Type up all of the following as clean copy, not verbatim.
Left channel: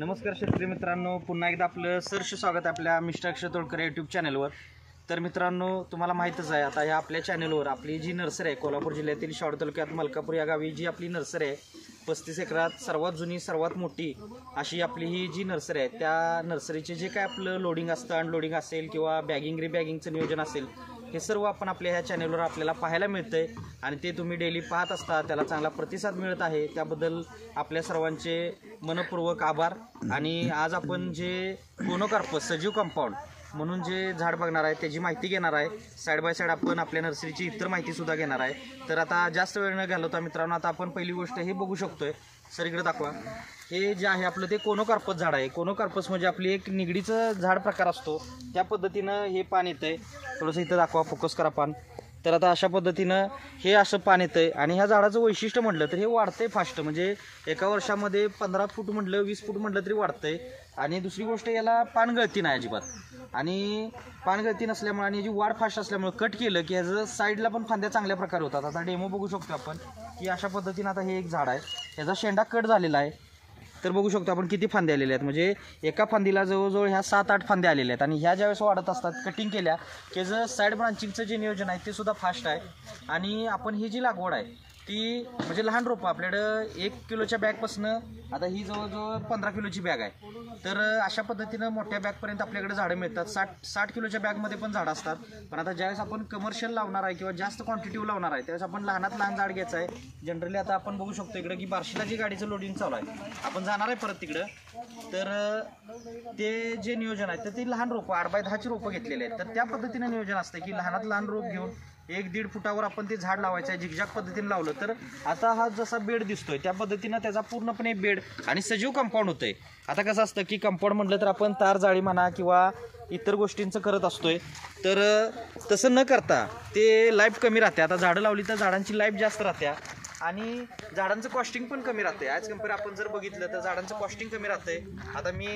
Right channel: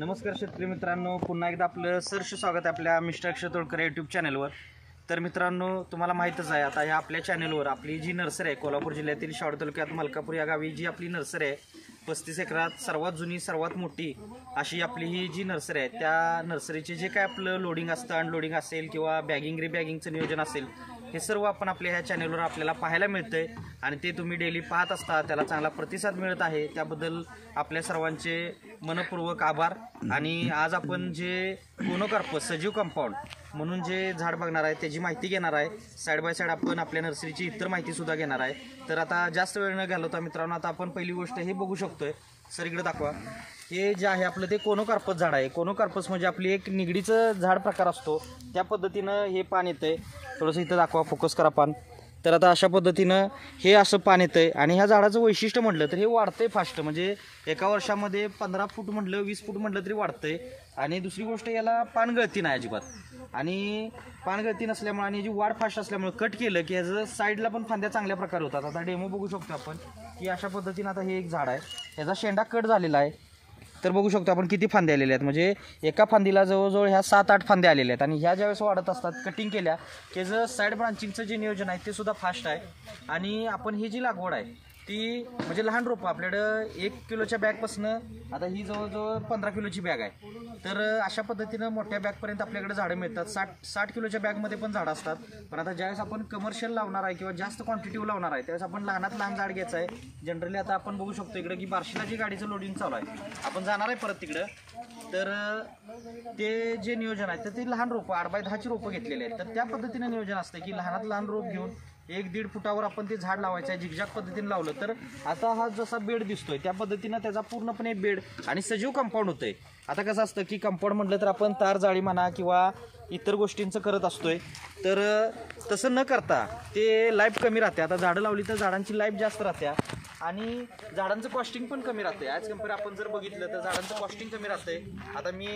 नमस्कार शेतकरी मित्रांनो, पुन्हा एकदा आपलं सहर्ष स्वागत आहे आपल्या मिस्टर अक्षय तोडकर यूट्यूब चॅनलवर। तर मित्रांनो, तुम्हाला माहीतच आहे आता ह्या आपल्या चॅनलवर आपली जी नर्सरी आहे कोल्हापूर जिल्ह्यातील शावड तालुक्यात मलकापूर या गावी जी आपली नर्सरी आहे 35 एकरात सर्वात जुनी सर्वात मोठी अशी आपली ही जी नर्सरी आहे त्या नर्सरीचे जे काय आपलं लोडिंग असतं, अनलोडिंग असेल किंवा बॅगिंग रिबॅगिंगचं नियोजन असेल हे सर्व आपण आपल्या ह्या चॅनलवर आपल्याला पाहायला मिळतंय आणि ते तुम्ही डेली पाहत असता, त्याला चांगला प्रतिसाद मिळत आहे, त्याबद्दल आपल्या सर्वांचे मनपूर्वक आभार। आणि आज आपण जे कोनोकार्पस सजीव कंपाऊंड म्हणून जे झाड बघणार आहे त्याची माहिती घेणार आहे। साईड बाय साईड आपण आपल्या नर्सरीची इतर माहिती सुद्धा घेणार आहे। तर आता जास्त वेळ न घालवता मित्रांनो, आता आपण पहिली गोष्ट हे बघू शकतोय, सर इकडे दाखवा, हे जे आहे आपलं ते कोनोकार्पस झाड आहे। कोनोकार्पस म्हणजे आपली एक निगडीचं झाड प्रकार असतो, त्या पद्धतीनं हे पान येतंय। थोडंसं इथं दाखवा, फोकस करा पान। तर आता अशा पद्धतीनं हे असं पान येतंय आणि ह्या झाडाचं वैशिष्ट्य म्हटलं तर हे वाढतंय फास्ट, म्हणजे एका वर्षामध्ये 15 फूट म्हटलं 20 फूट म्हटलं तरी वाढतंय। आणि दुसरी गोष्ट, याला पानगळती नाही अजिबात, आणि पानगळती नसल्यामुळे आणि याची वाढ फास्ट असल्यामुळे कट केलं की ह्याचं साईडला पण फांद्या चांगल्या प्रकारे होतात। आता डेमो बघू शकतो आपण की अशा पद्धतीनं आता हे एक झाड आहे, याचा शेंडा कट झालेला आहे। तर बघू शकतो आपण किती फांदे आलेले आहेत, म्हणजे एका फांदीला जवळजवळ ह्या 7-8 फांदे आलेले आहेत। आणि ह्या ज्यावेळेस वाढत असतात कटिंग केल्या की जर साईड ब्रांचिंगचं जे नियोजन आहे ते सुद्धा फास्ट आहे। आणि आपण ही जी लागवड आहे ती म्हणजे लहान रोपं आपल्याकडं 1 किलोच्या बॅगपासनं आता ही जवळजवळ 15 किलोची बॅग आहे। तर अशा पद्धतीनं मोठ्या बॅगपर्यंत आपल्याकडे झाडं मिळतात। 60 किलोच्या बॅगमध्ये पण झाडं असतात। पण आता ज्यावेळेस आपण कमर्शियल लावणार आहे किंवा जास्त क्वांटिटीवर लावणार आहे त्यावेळेस आपण लहानात लहान झाड घ्यायचं आहे। जनरली आता आपण बघू शकतो इकडं की बार्शीला जी गाडीचं लोडिंग चालू आहे, आपण जाणार आहे परत तिकडं, तर ते जे नियोजन आहे तर ते लहान रोपं 8x10ची रोपं घेतलेले आहेत। तर त्या पद्धतीनं नियोजन असतं की लहानात लहान रोप घेऊन 1-1.5 फुटावर आपण ते झाड लावायचं आहे। झिगझॅग पद्धतीने लावलं तर आता हा जसा बेड दिसतोय त्या पद्धतीनं त्याचा पूर्णपणे बेड आणि सजीव कंपाऊंड होतंय। आता कसं असतं की कंपाऊंड म्हटलं तर आपण तार जाळी म्हणा किंवा इतर गोष्टींचं करत असतोय, तर तसं न करता ते लाईफ कमी राहते। आता झाडं लावली तर झाडांची लाईफ जास्त राहते आणि झाडांचं कॉस्टिंग पण कमी राहते। ॲज कम्पेअर आपण जर बघितलं तर झाडांचं कॉस्टिंग कमी राहते। आता मी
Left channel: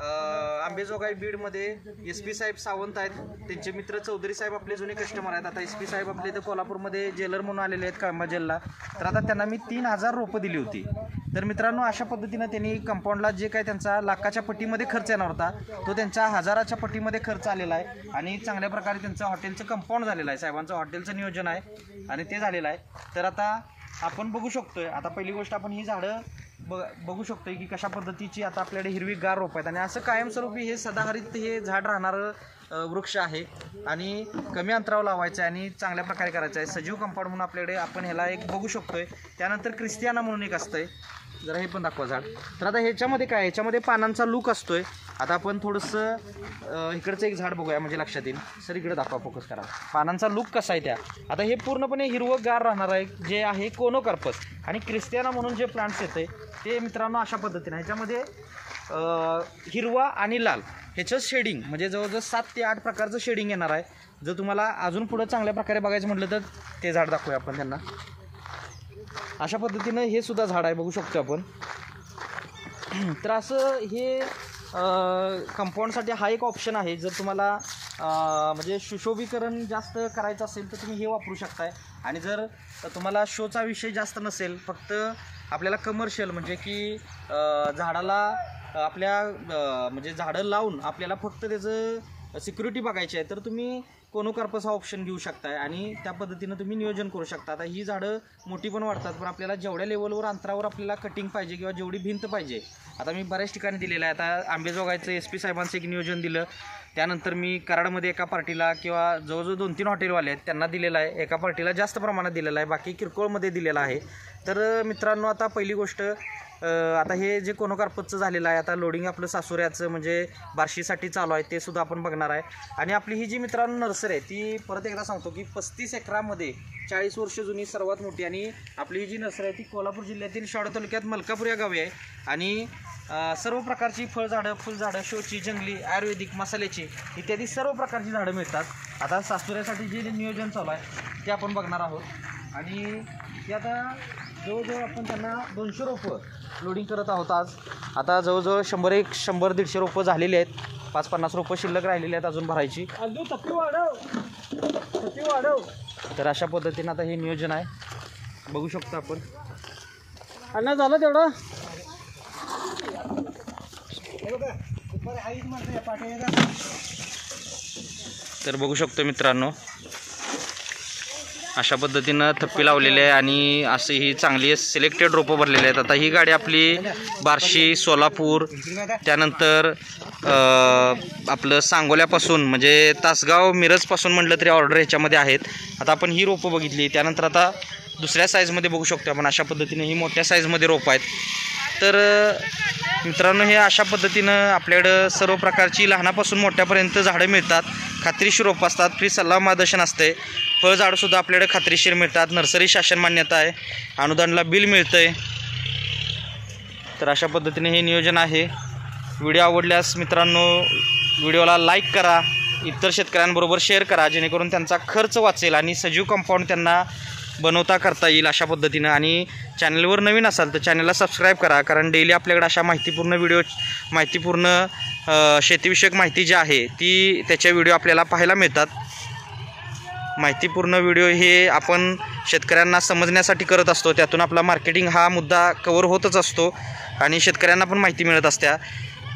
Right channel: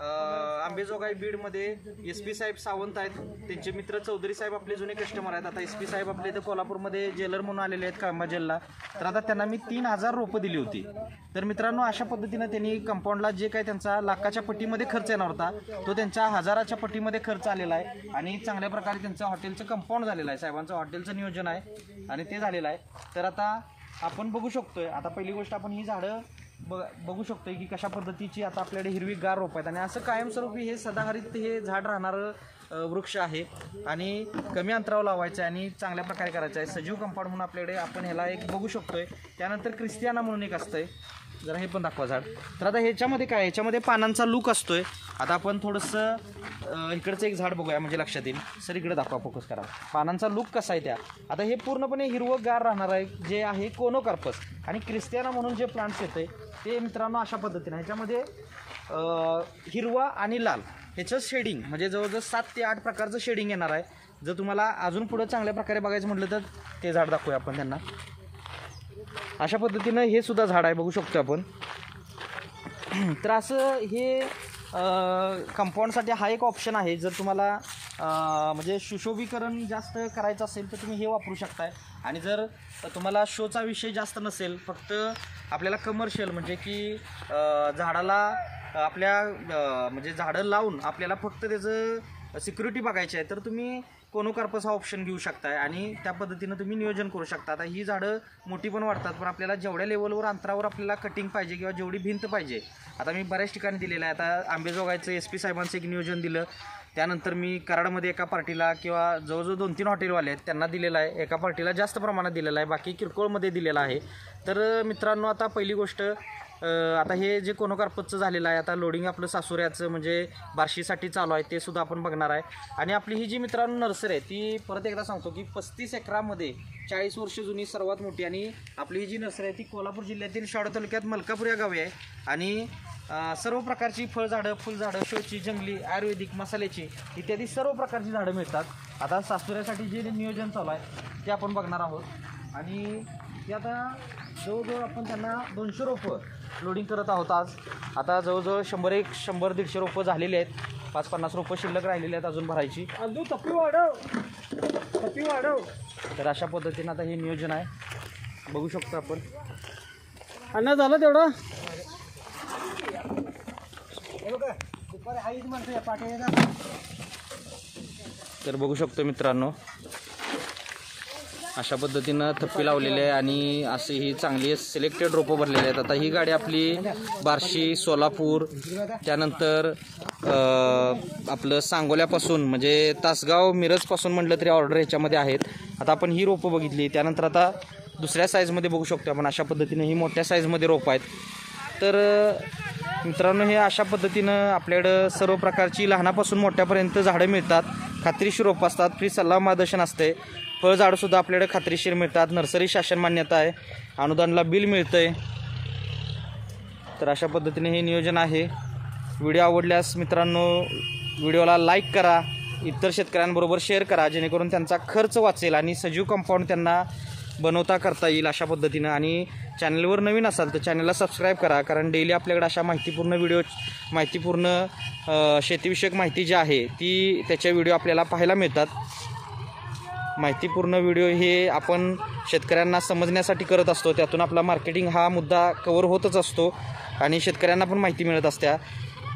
आंबेजोगाई बीडमध्ये SP साहेब सावंत आहेत, त्यांचे मित्र चौधरी साहेब आपले जुने कस्टमर आहेत। आता SP साहेब आपले इथं कोल्हापूरमध्ये जेलर म्हणून आलेले आहेत कळंबा जेलला, तर आता त्यांना मी 3000 रोपं दिली होती। तर मित्रांनो, अशा पद्धतीनं त्यांनी कंपाऊंडला जे काही त्यांचा लाखाच्या पट्टीमध्ये खर्च येणार होता तो त्यांच्या 1000च्या पट्टीमध्ये खर्च आलेला आहे आणि चांगल्या प्रकारे त्यांचं हॉटेलचं कंपाऊंड झालेलं आहे। साहेबांचं हॉटेलचं नियोजन आहे आणि ते झालेलं आहे। तर आता आपण बघू शकतोय, आता पहिली गोष्ट आपण ही झाडं बघू शकतोय की कशा पद्धतीची आता आपल्याकडे हिरवीगार रोप आहेत आणि असं कायमस्वरूपी हे सदाहरित हे झाड राहणारं वृक्ष आहे आणि कमी अंतरावर लावायचं आहे आणि चांगल्या प्रकारे करायचं आहे। सजीव कंपाऊंड म्हणून आपल्याकडे आपण ह्याला एक बघू शकतोय। त्यानंतर क्रिस्टियाना म्हणून एक असतंय, जरा हे पण दाखवा झाड। तर आता ह्याच्यामध्ये काय, ह्याच्यामध्ये पानांचा लूक असतोय। आता आपण थोडंसं इकडचं एक झाड बघूया म्हणजे लक्षात येईल। सर इकडे दाखवा, फोकस करा, पानांचा लूक कसा आहे त्या। आता हे पूर्णपणे हिरवंगार राहणार आहे जे आहे कोनोकार्पस। आणि क्रिस्टियाना म्हणून जे प्लांट्स येते ते मित्रांनो अशा पद्धतीने ह्याच्यामध्ये हिरवा आणि लाल ह्याचं शेडिंग म्हणजे जवळजवळ 7 ते 8 प्रकारचं शेडिंग येणार आहे। जर तुम्हाला अजून पुढं चांगल्या प्रकारे बघायचं म्हटलं तर ते झाड दाखवूया आपण त्यांना। अशा पद्धतीनं हे सुद्धा झाड आहे, बघू शकतो आपण। तर असं हे कंपाऊंडसाठी हा एक ऑप्शन आहे। जर तुम्हाला म्हणजे सुशोभीकरण जास्त करायचं असेल तर तुम्ही हे वापरू शकताय। आणि जर तुम्हाला शोचा विषय जास्त नसेल, फक्त आपल्याला कमर्शियल म्हणजे की झाडाला आपल्या म्हणजे झाडं लावून आपल्याला फक्त त्याचं सिक्युरिटी बघायची आहे, तर तुम्ही कोनोकार्पस हा ऑप्शन घेऊ शकताय आणि त्या पद्धतीनं तुम्ही नियोजन करू शकता। आता ही झाडं मोठी पण वाढतात, पण आपल्याला जेवढ्या लेवलवर अंतरावर आपल्याला कटिंग पाहिजे किंवा जेवढी भिंत पाहिजे, आता मी बऱ्याच ठिकाणी दिलेलं आहे। आता आंबेजोगाईचं SP साहेबांचं एक नियोजन दिलं, त्यानंतर मी कराडमध्ये एका पार्टीला किंवा जवळजवळ 2-3 हॉटेलवाले आहेत त्यांना दिलेलं आहे, एका पार्टीला जास्त प्रमाणात दिलेलं आहे, बाकी किरकोळमध्ये दिलेलं आहे। तर मित्रांनो, आता पहिली गोष्ट, आता हे जे कोनोकार्पसचं झालेलं आहे, आता लोडिंग आपलं सासुऱ्याचं म्हणजे बार्शीसाठी चालू आहे ते सुद्धा आपण बघणार आहे। आणि आपली ही जी मित्रांनो नर्सरी आहे ती परत एकदा सांगतो की 35 एकरामध्ये 40 वर्ष जुनी सर्वात मोठी आणि आपली ही जी नर्सरी आहे ती कोल्हापूर जिल्ह्यातील शावड तालुक्यात मलकापूर या गावी आहे। आणि सर्व प्रकारची फळझाडं, फुलझाडं, शोची, जंगली, आयुर्वेदिक, मसाल्याची इत्यादी सर्व प्रकारची झाडं मिळतात। आता सासुऱ्यासाठी जे नियोजन चालू आहे ते आपण बघणार आहोत। आणि ते आता जवळजवळ आपण त्यांना 200 रोपं लोडिंग करत आहोत आज। आता जवळजवळ 100-150 रोपं झालेली आहेत, 5-50 रोपं शिल्लक राहिलेली आहेत अजून भरायची। तर अशा पद्धतीनं आता हे नियोजन आहे, बघू शकतो आपण। झालं तेवढं तर बघू शकतो मित्रांनो, अशा पद्धतीनं थप्पी लावलेली आहे आणि असे ही चांगली सिलेक्टेड रोपं भरलेली आहेत. आता ही गाडी आपली बार्शी, सोलापूर, त्यानंतर आपलं सांगोल्यापासून म्हणजे तासगाव, मिरजपासून म्हटलं तरी ऑर्डर ह्याच्यामध्ये आहेत. आता आपण ही रोपं बघितली, त्यानंतर आता दुसऱ्या साईजमध्ये बघू शकतो आपण. अशा पद्धतीने ही मोठ्या साईजमध्ये रोपं आहेत. तर मित्रांनो, हे अशा पद्धतीनं आपल्याकडं सर्व प्रकारची लहानापासून मोठ्यापर्यंत झाडं मिळतात. खात्रीशीर रोपं असतात, फ्री सल्ला मार्गदर्शन असते. फळझाडंसुद्धा आपल्याकडे खात्रीशीर मिळतात. नर्सरी शासन मान्यता आहे, अनुदानला बिल मिळतं आहे. तर अशा पद्धतीने हे नियोजन आहे. व्हिडिओ आवडल्यास मित्रांनो व्हिडिओला लाईक करा, इतर शेतकऱ्यांबरोबर शेअर करा, जेणेकरून त्यांचा खर्च वाचेल आणि सजीव कंपाऊंड त्यांना बनवता करता येईल अशा पद्धतीनं. आणि चॅनलवर नवीन असाल तर चॅनलला सबस्क्राईब करा, कारण डेली आपल्याकडे अशा माहितीपूर्ण शेतीविषयक माहिती जी आहे ती त्याच्या व्हिडिओ आपल्याला पाहायला मिळतात. माहितीपूर्ण व्हिडिओ हे आपण शेतकऱ्यांना समजण्यासाठी करत असतो. त्यातून आपला मार्केटिंग हा मुद्दा कवर होतच असतो आणि शेतकऱ्यांना पण माहिती मिळत असते.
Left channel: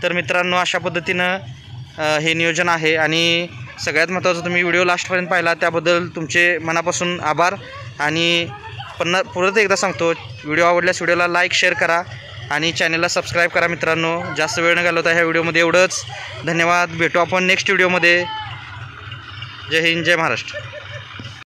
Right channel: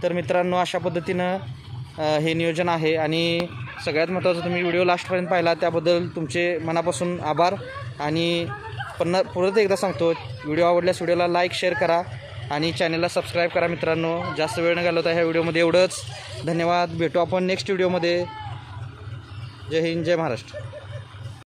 तर मित्रांनो, अशा पद्धतीनं हे नियोजन आहे. आणि सगळ्यात महत्त्वाचं, तुम्ही व्हिडिओ लास्टपर्यंत पाहिला त्याबद्दल तुमचे मनापासून आभार. आणि परत एकदा सांगतो, व्हिडिओ आवडल्यास व्हिडिओला लाईक, शेअर करा आणि चॅनलला सबस्क्राईब करा. मित्रांनो, जास्त वेळ न घालवता ह्या व्हिडिओमध्ये एवढंच. धन्यवाद. भेटू आपण नेक्स्ट व्हिडिओमध्ये. जय हिंद, जय महाराष्ट्र.